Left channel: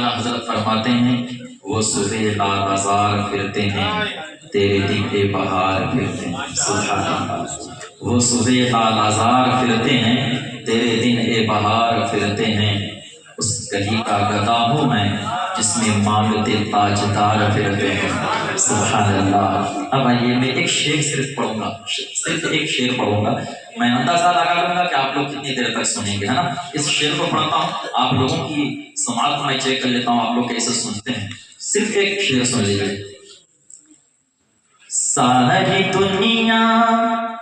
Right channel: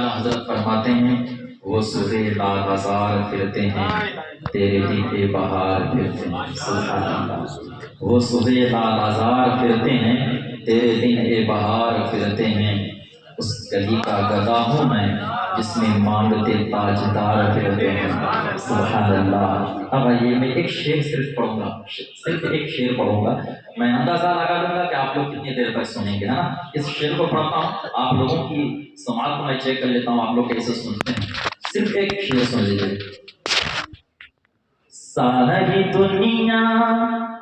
اعلیٰ حضرت فرماتے ہیں وہ صبح لال ہزار پھرتے ہیں تیرے دن بہار پھرتے ہیں. سبحان اللہ. وہ صبح لال ہزار پھرتے ہیں تیرے دن بہار پھرتے ہیں. اس گلی کا گدا ہوں میں جس میں مانگتے تاجدار پھرتے ہیں. سبحان اللہ. اب آئیے میں ایک شعر صرف پڑھوں گا، صرف ایک شعر پڑھوں گا. میں اندازہ لگا لوں گا کہ آپ لوگ کتنی دیر تک سنیں گے، ہے نا. اس شعر کو پڑھتا ہوں، آپ لوگوں کی سماعت کو میں چیک کر لیتا ہوں آپ لوگ کیسے سنتے ہیں. صرف ایک شعر سن لیجیے. ساری دنیا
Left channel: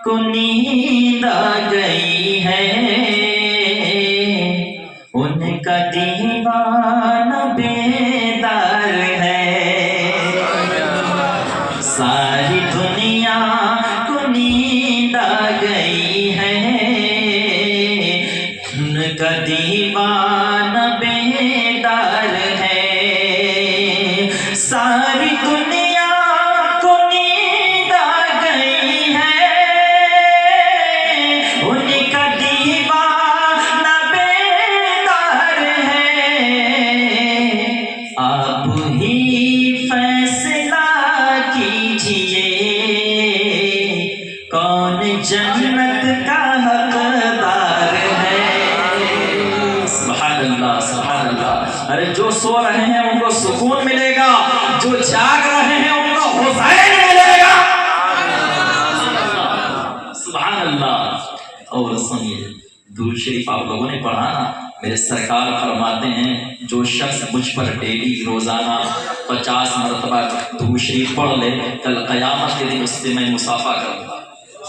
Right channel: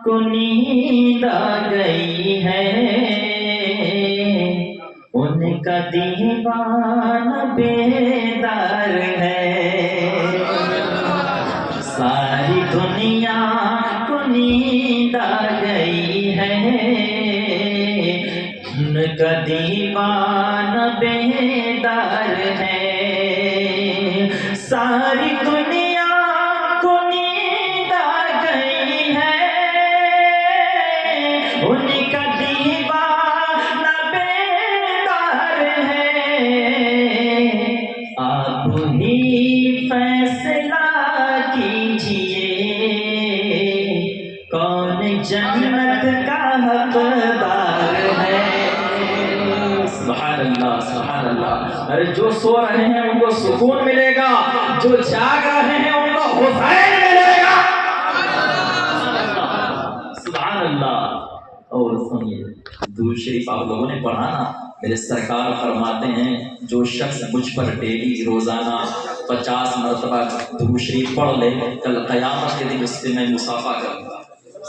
کو نیند آ گئی ہے، ان کا دیوانہ بیدار ہے. ساری دنیا کو نیند آ گئی ہے، ان کا دیوانہ بیدار ہے. ساری دنیا کو نیند آ گئی ہے، ان کا دیوانہ بیدار ہے. آپ ہی فیصلہ کیجئے کون جنت کا حقدار ہے. سبحان اللہ سبحان اللہ. ارے جو سو رہے ہیں ان کو سکون ملے گا، جو جاگ رہے ہیں ان کو حسین ملے گا. سبحان اللہ. اور سنیے درود شریف آپ لوگوں نے پڑھا نا. میرے سرکار فرماتے ہیں جو شخص مجھ پر ڈیلی روزانہ 50 مرتبہ درود شریف پڑھ لے، کل قیامت کے دن اس سے میں مصافحہ کروں گا.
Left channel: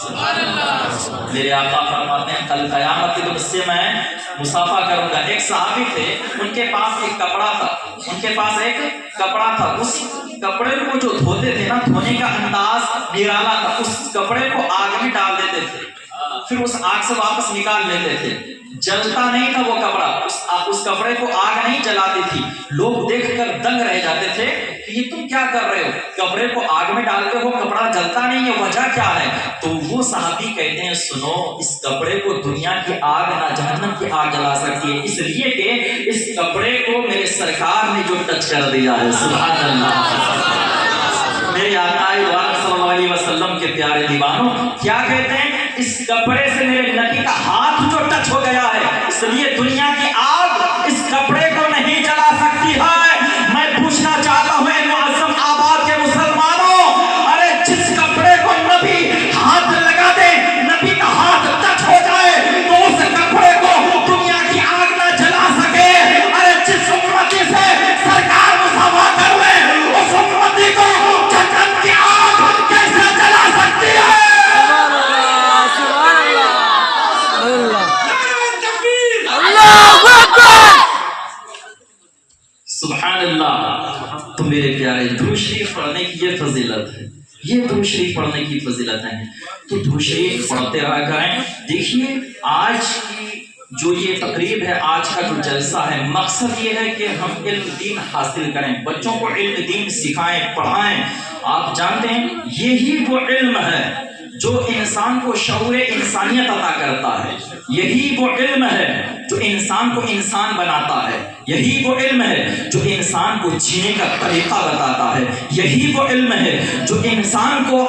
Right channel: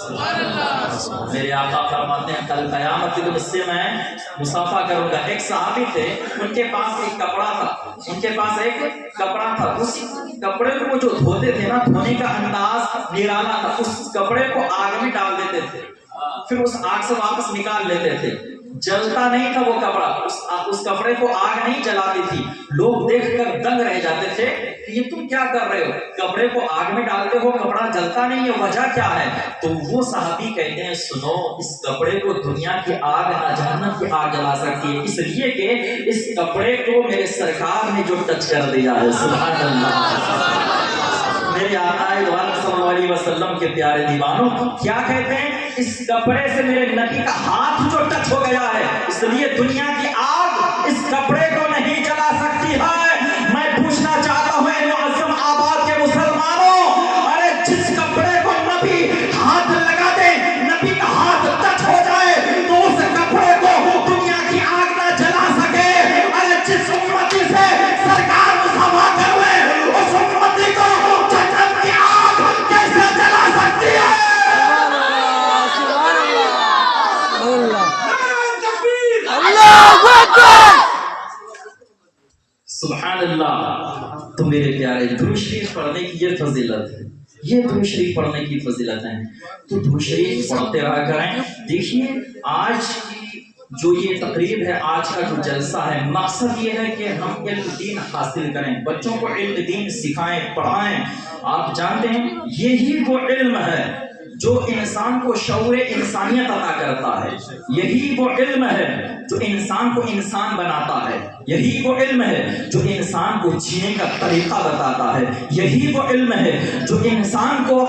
سبحان اللہ. میرے آقا فرماتے ہیں کل قیامت کے دن اس سے میں مصافحہ کروں گا. ایک صحابی تھے، ان کے پاس ایک کپڑا تھا، ان کے پاس ایک کپڑا تھا. اس کپڑے کو جو دھوتے تھے نا، دھونے کا انداز نرالا تھا. اس کپڑے کو آگ میں ڈال دیتے تھے، پھر اس آگ سے واپس نکال لیتے تھے. جلتا نہیں تھا وہ کپڑا، اس کپڑے کو آگ نہیں جلاتی تھی. لوگ دیکھ کر دنگ رہ جاتے تھے کہ یہ تم کیا کر رہے ہو، کپڑے کو آگ میں ڈالتے ہو، کپڑا جلتا نہیں ہے، وجہ کیا ہے؟ تو وہ صحابی کہتے ہیں سنو، اس کپڑے کو دنیا کی آگ نہ جہنم کی آگ جلا سکتی ہے، اس لیے کہ اس کپڑے کو میرے سرکار نے جو ٹچ کر دیا ہے. سبحان اللہ. میرے آقا صلی اللہ علیہ وسلم کے پیارے دیوانوں کیا کہتے ہیں؟ اس کپڑے سے میرے نبی کا ہاتھ جو ٹچ ہو گیا ہے، اس لیے دنیا کی آگ اس کپڑے کو نہیں جلا سکتی ہے. میں پوچھنا چاہتا ہوں اے معظم آباد کے مسلمانوں، ارے جس کپڑے کو نبی ہاتھ لگا دے، نبی کا ہاتھ ٹچ ہو جائے تو اس کپڑے کو دنیا کی آگ نہ جلا سکے. ارے جس امتی سے سرکار مصافحہ کر لے، اس امتی کو جہنم کی آگ کیسے جلا سکتی ہے؟ سبحان اللہ. تو میرے پیارے درود شریف پڑھنے کی یہ فضیلت ہے، یہ درود شریف پڑھنے کی فضیلت ہے. تو درود شریف پڑھتے رہا کریں. دیکھیے آج کی جو یہ تقریب ہے، آج کا جو جلسہ ہے، مقصد یہ ہے کہ ہم علم دین حاصل کریں، بچوں کو علم دین سکھائیں، پڑھائیں. آپ جانتے ہیں یہی وہ علم ہے جو انسان کو شعور انسانیت عطا کرتا ہے. یہی وہ علم ہے جو انسان کو انسان بناتا ہے. یہی وہ علم ہے جو انسان کو جینے کا طریقہ بتاتا ہے. یہی وہ علم ہے جو انسان کو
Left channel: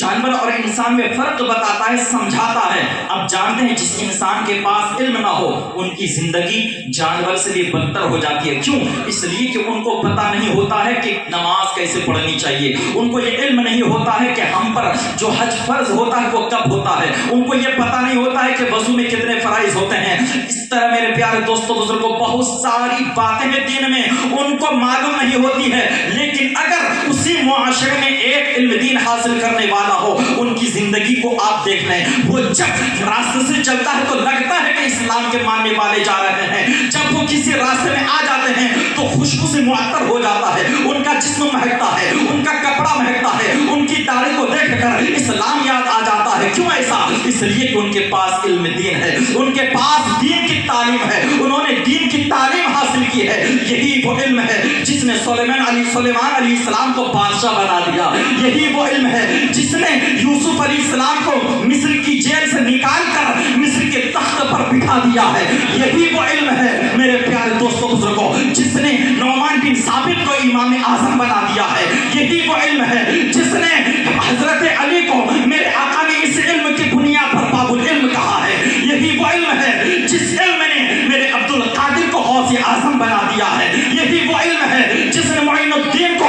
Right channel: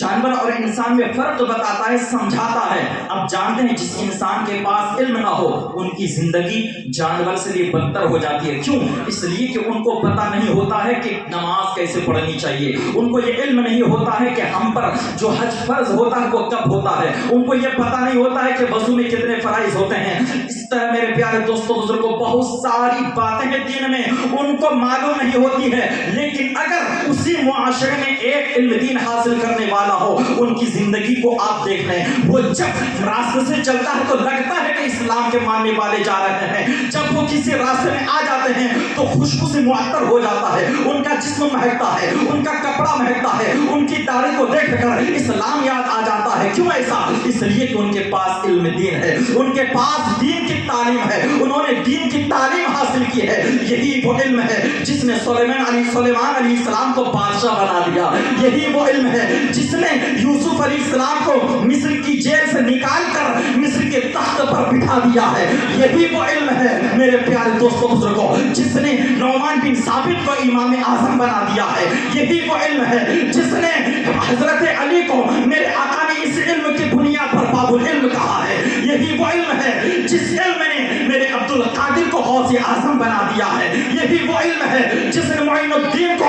جانور اور انسان میں فرق بتاتا ہے، سمجھاتا ہے. اب جانتے ہیں جس انسان کے پاس علم نہ ہو ان کی زندگی جانور سے بھی بدتر ہو جاتی ہے. کیوں؟ اس لیے کہ ان کو پتہ نہیں ہوتا ہے کہ نماز کیسے پڑھنی چاہیے. ان کو یہ علم نہیں ہوتا ہے کہ ہم پر جو حج فرض ہوتا ہے وہ کب ہوتا ہے. ان کو یہ پتہ نہیں ہوتا ہے کہ وضو میں کتنے فرائض ہوتے ہیں. اس طرح میرے پیارے دوستوں بزرگوں بہت ساری باتیں ہیں دین میں ان کو معلوم نہیں ہوتی ہے. لیکن اگر اسی معاشرے میں ایک علم دین حاصل کرنے والا ہو، ان کی زندگی کو آپ دیکھ لیں، وہ جب راستے سے چلتا ہے تو لگتا ہے کہ اسلام کے ماننے والے جا رہے ہیں. جب وہ کسی راستے میں آ جاتے ہیں تو خوشبو سے معطر ہو جاتا ہے، ان کا جسم مہکتا ہے، ان کا کپڑا مہکتا ہے، ان کی داڑھی کو دیکھ کر اسلام یاد آ جاتا ہے. کیوں ایسا؟ اس لیے کہ ان کے پاس علم دین ہے، ان کے پاس دین کی تعلیم ہے، انہوں نے دین کی تعلیم حاصل کی ہے۔ یہی وہ علم ہے جس نے سلیمان علیہ السلام کو بادشاہ بنا دیا، یہی وہ علم ہے جس نے یوسف علیہ السلام کو مصر کی جیل سے نکال کر مصر کے تخت پر بٹھا دیا ہے، یہی وہ علم ہے میرے پیارے دوستوں بزرگوں جس نے نعمان بن ثابت کو امام اعظم بنا دیا ہے، یہی وہ علم ہے جس نے حضرت علی کو میرے آقا نے اس علم کی بنیاد پر باب العلم کہا ہے، یہی وہ علم ہے جس علم نے میرے عبد القادر کو غوث اعظم بنا دیا ہے، یہی وہ علم ہے جس نے معین الدین کو،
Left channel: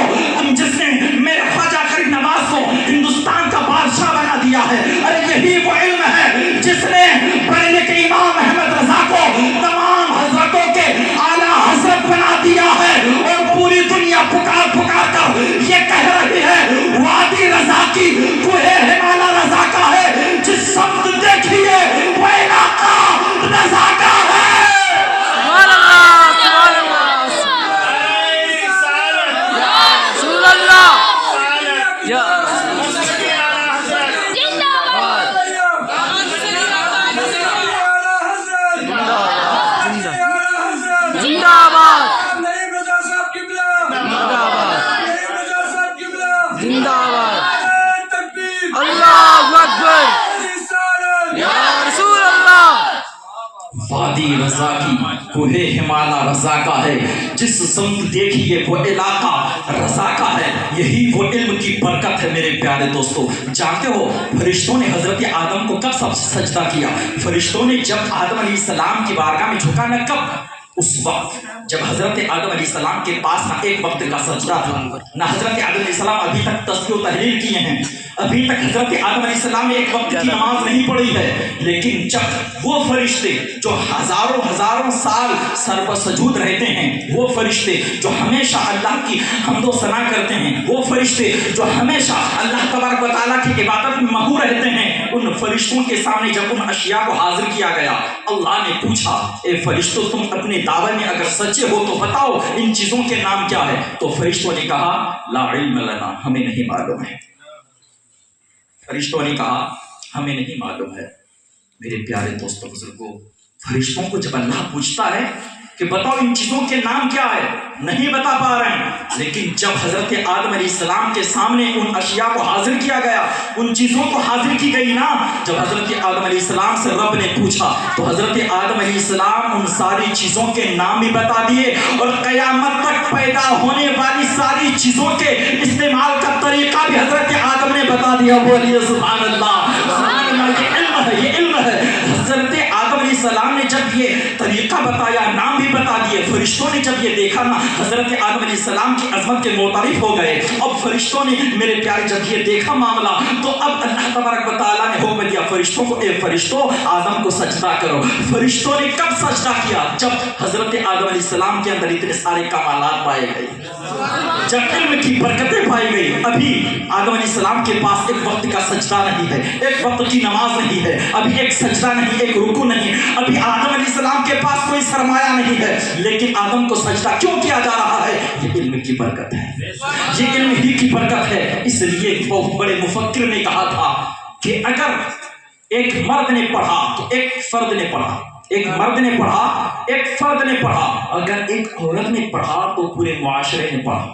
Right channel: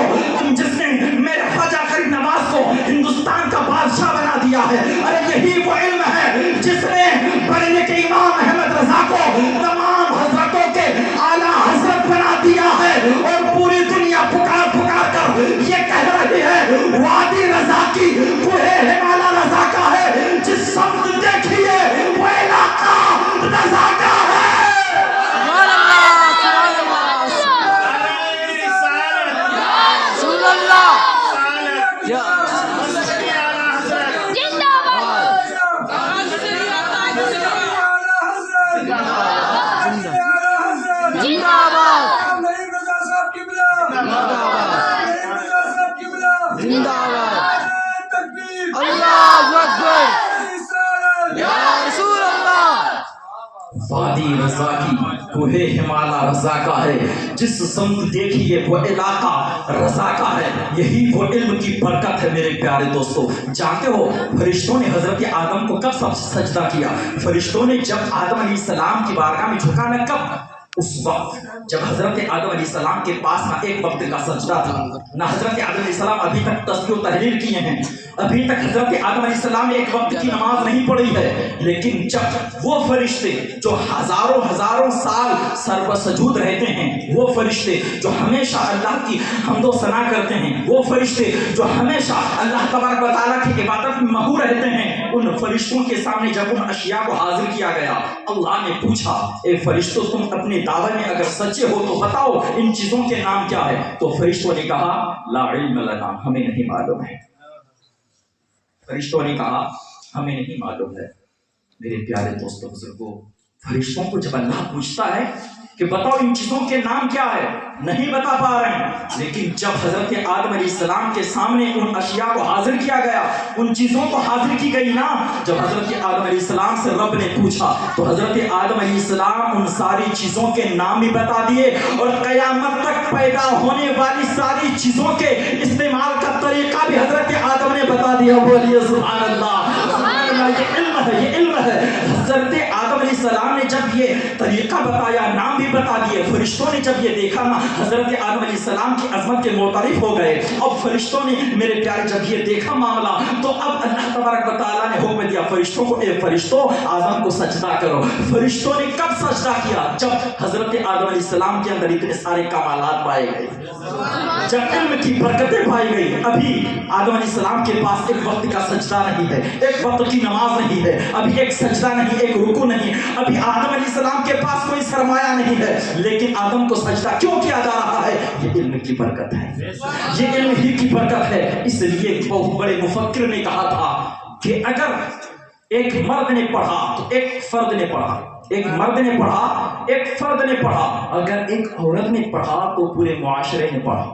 جس نے میرے خواجہ غریب نواز کو ہندوستان کا بادشاہ بنا دیا ہے، ارے یہی وہ علم ہے جس نے پڑھنے کے امام احمد رضا کو تمام حضرتوں کے اعلیٰ حضرت بنا دیا ہے، اور پوری دنیا پکار پکار کر یہ کہہ رہی ہے وادی رضا کی کوہ ہمالا رضا کا ہے، جس سمت دیکھیے وہ علاقہ رضا کا ہے۔ سبحان اللہ، سبحان اللہ، رسول اللہ، یا زندہ آباد، زندہ آباد، اللہ اکبر، یا رسول اللہ۔ وادی رضا کی کوہ ہمالا رضا کا ہے، جس سمت دیکھیے وہ علاقہ رضا کا ہے، یہی وہ علم کی برکت ہے میرے پیارے دوستو۔ جانتے ہو فرشتوں نے حضرت آدم کو کب سجدہ کیا؟ فرشتوں نے جب آدم علیہ السلام کی بارگاہ میں جھکا نہ، کب؟ اس وقت جب حضرت آدم علیہ السلام کے پاس نہ ایک وقت کا سجدہ تھا، نہ حضرت آدم علیہ السلام ابھی تک تسبیح و تحلیل کیے ہیں، ابھی تک حضرت آدم علیہ السلام نے ایک وقت کی نماز نہیں پڑھی ہے، لیکن جب وہ فرشتے جو ہزاروں سال سر پر سجود رہتے ہیں، وہ فرشتے جو ہمیشہ اللہ کی حمد و ثنا کرتے ہیں، وہ فرشتے جو ہمیشہ اللہ تبارک و تعالیٰ کی عبادت میں مہو رہتے ہیں، ان فرشتوں کے سامنے جب ان اشیاء کو حاضر کیا گیا، اللہ نے پوچھا اے فرشتوں تم اپنے دعوے میں اگر سچے ہو تو بتاؤ ان چیزوں کے نام کیا ہے؟ تو فرشتوں نے کہا لا علم لنا، ہمیں نہیں معلوم ہے۔ فرشتوں نے کہا ہمیں نہیں معلوم ہے۔ میرے پیارے دوستوں بزرگوں، فرشتوں کو جب اللہ پوچھتا ہے کہ بتاؤ ان چیزوں کے نام کیا ہے، نہیں بتا پا رہے ہیں، لیکن جب حضرت آدم علیہ السلام کے سامنے ان اشیاء کو حاضر کیا گیا، ان چیزوں کو حاضر کی گئی نا، جب حضرت آدم علیہ السلام سے رب نے پوچھا تو حضرت آدم علیہ السلام ان ساری چیزوں کے نام بھی بتا دیے، اور قیامت تک پیدا ہونے والی ساری چیزوں کے استعمال کا طریقہ بھی حضرت آدم نے بتا دیا۔ بولیے سبحان اللہ، سبحان اللہ۔ یہ علم ہے، یہ علم ہے۔ حضرت آدم علیہ السلام نے جب یہ طریقہ بتایا، نام بھی بتا دیے، فرشتوں نے جب یہ دیکھا نا، حضرت آدم علیہ السلام کی عظمت کے معترف ہو گئے۔ اب فرشتوں نے میرے پیارے جب یہ دیکھا معاملہ، تو اب اللہ تبارک و تعالیٰ نے حکم دیا فرشتوں کو، اے فرشتوں آدم کو سجدہ کرو۔ فرشتوں نے کب سجدہ کیا؟ جب حضرت آدم علیہ السلام کے اندر اتنے سارے کمالات پائے گئے، جب علم کی برکتیں پائی گئی۔ ابھی آدم علیہ السلام کے پاس ایک وقت کا سجدہ نہیں ہے، ایک وقت کی نماز نہیں ہے، ابھی ایک سجدہ نہیں، ایک رکوع نہیں، ابھی آدم علیہ السلام کے پاس کوئی سرمایہ نہیں ہے، لیکن آدم کو سجدہ کیوں کیا جا رہا ہے؟ یہ علم کی برکت ہے، یہ علم ہی کی برکت ہے۔ اس لیے بہت بڑے مفکر نے کہا تھا کہ اگر ایک مرد نے پڑھا تو ایک فرد نے پڑھا، ایک مرد نے پڑھا ایک فرد نے پڑھا، اگر ایک عورت نے پڑھا تو پورے معاشرے نے پڑھا۔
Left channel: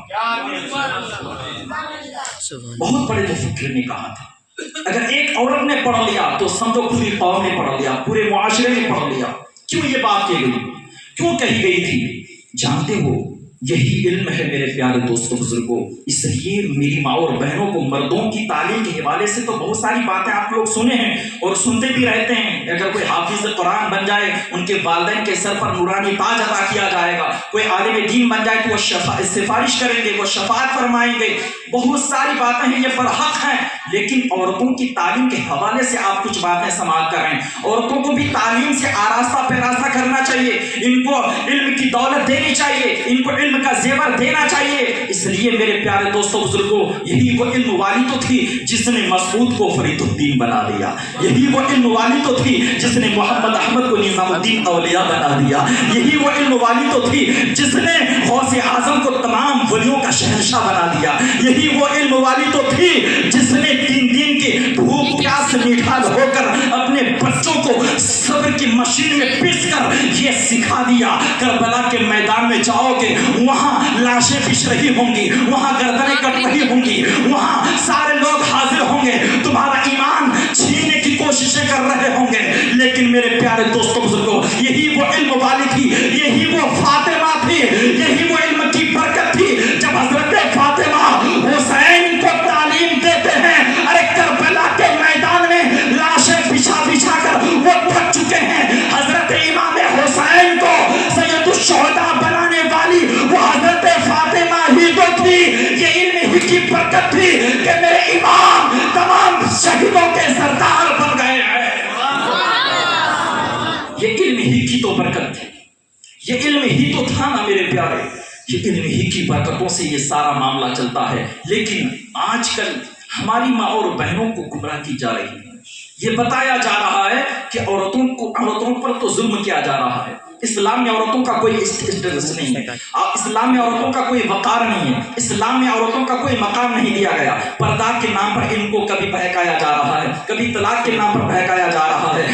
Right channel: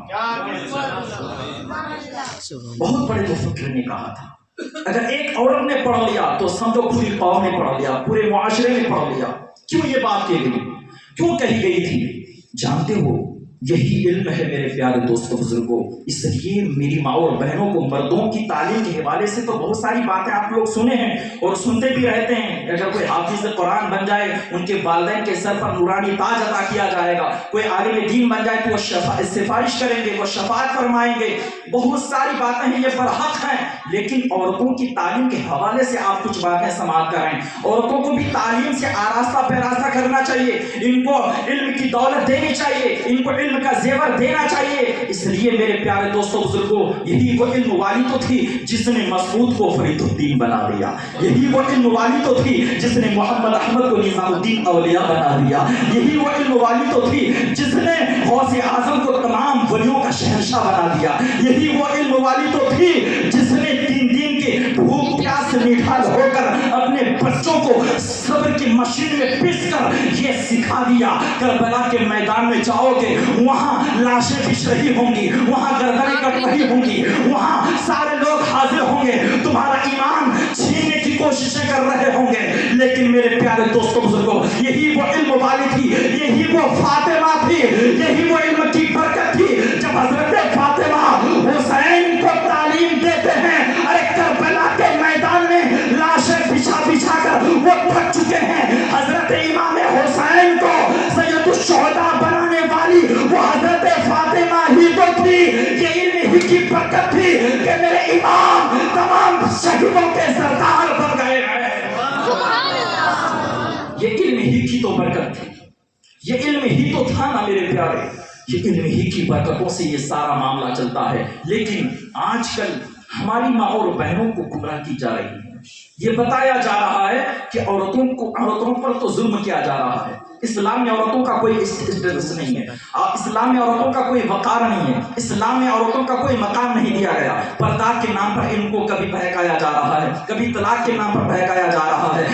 بہت بڑے مفکر نے کہا تھا اگر ایک عورت نے پڑھ لیا تو سمجھو پوری قوم نے پڑھ لیا، پورے معاشرے نے پڑھ لیا۔ کیوں یہ بات کہی گئی، کیوں کہی گئی تھی؟ جانتے ہو یہی علم ہے میرے پیارے دوستوں بزرگوں۔ اس لیے میری ماں اور بہنوں کو مردوں کی تعلیم کے حوالے سے تو بہت ساری باتیں آپ لوگ سنے ہیں اور سنتے بھی رہتے ہیں۔ اگر کوئی حافظ قرآن بن جائے ان کے والدین کے سر پر نورانی تاج عطا کیا جائے گا، کوئی عالم دین بن جائے تو وہ سفارش کریں گے، وہ شفاعت فرمائیں گے، بہت ساری باتیں ہیں، یہ برحق ہیں۔ لیکن عورتوں کی تعلیم کے حوالے سے آپ کچھ باتیں سماعت کریں۔ عورتوں کو بھی تعلیم سے آراستہ پیراستہ کرنا چاہیے، ان کو علم کی دولت دینی چاہیے، ان کو علم کا زیور دینا چاہیے۔ اس لیے میرے پیارے دوستوں بزرگوں، یہی وہ علم والی تو تھی جس نے مسعود کو فرید الدین بنا دیا، یہی وہ علم والی تو تھی جس نے محمد احمد کو نظام الدین اولیاء بنا دیا، یہی وہ علم والی تو تھی جس نے غوث اعظم کو تمام ولیوں کا شہنشاہ بنا دیا، یہی وہ علم والی تو تھی جس نے دین کے بھوک پیاس سے میٹھا گے وہاں لاشیں بچھ رہی ہوں گی, وہاں گردنیں کٹ رہی ہوں گی, وہاں سارے لوگ حاضر ہوں گے, تمہارا ایمان چھیننے کی کوششیں کر رہے ہوں گے. لیکن میرے پیارے دوستوں بزرگوں, یہی وہ علم والی تھی, یہی وہ فاطمہ تھی, یہی وہ علم کی برکت تھی. جب حضرت فاطمہ حسین کو تعلیم دیتے ہیں, ارے کربلا کے میدان میں لاشیں بچھا بچھا کر وہ تھک چکے ہیں. حضرت امام حسین کو سید الشہداء بنانے والی وہ حضرت فاطمہ ہی تو تھی. یہ علم ہی کی برکت تھی کہ میرے امام تمام شہیدوں کے سردار بن گئے ہیں. یہ علم ہی کی تو برکت تھی, یہ علم ہی تو تھا نا میرے پیارے. یہ علم ہی کی برکتوں سے یہ سارا معاملہ چلتا ہے. لیکن آج کل ہماری ماں اور بہنوں کو گمراہ کی جا رہی ہے. یہ بتایا جا رہا ہے کہ عورتوں پر تو ظلم کیا جا رہا ہے. اسلام میں عورتوں کا کوئی اسٹیٹس نہیں ہے, اسلام میں عورتوں کا کوئی وقار نہیں ہے, اسلام میں عورتوں کا کوئی مقام نہیں دیا گیا. پردہ کے نام پر ان کو کبھی بہکایا جا رہا ہے, کبھی طلاق کے نام پر بہکایا جا رہا ہے.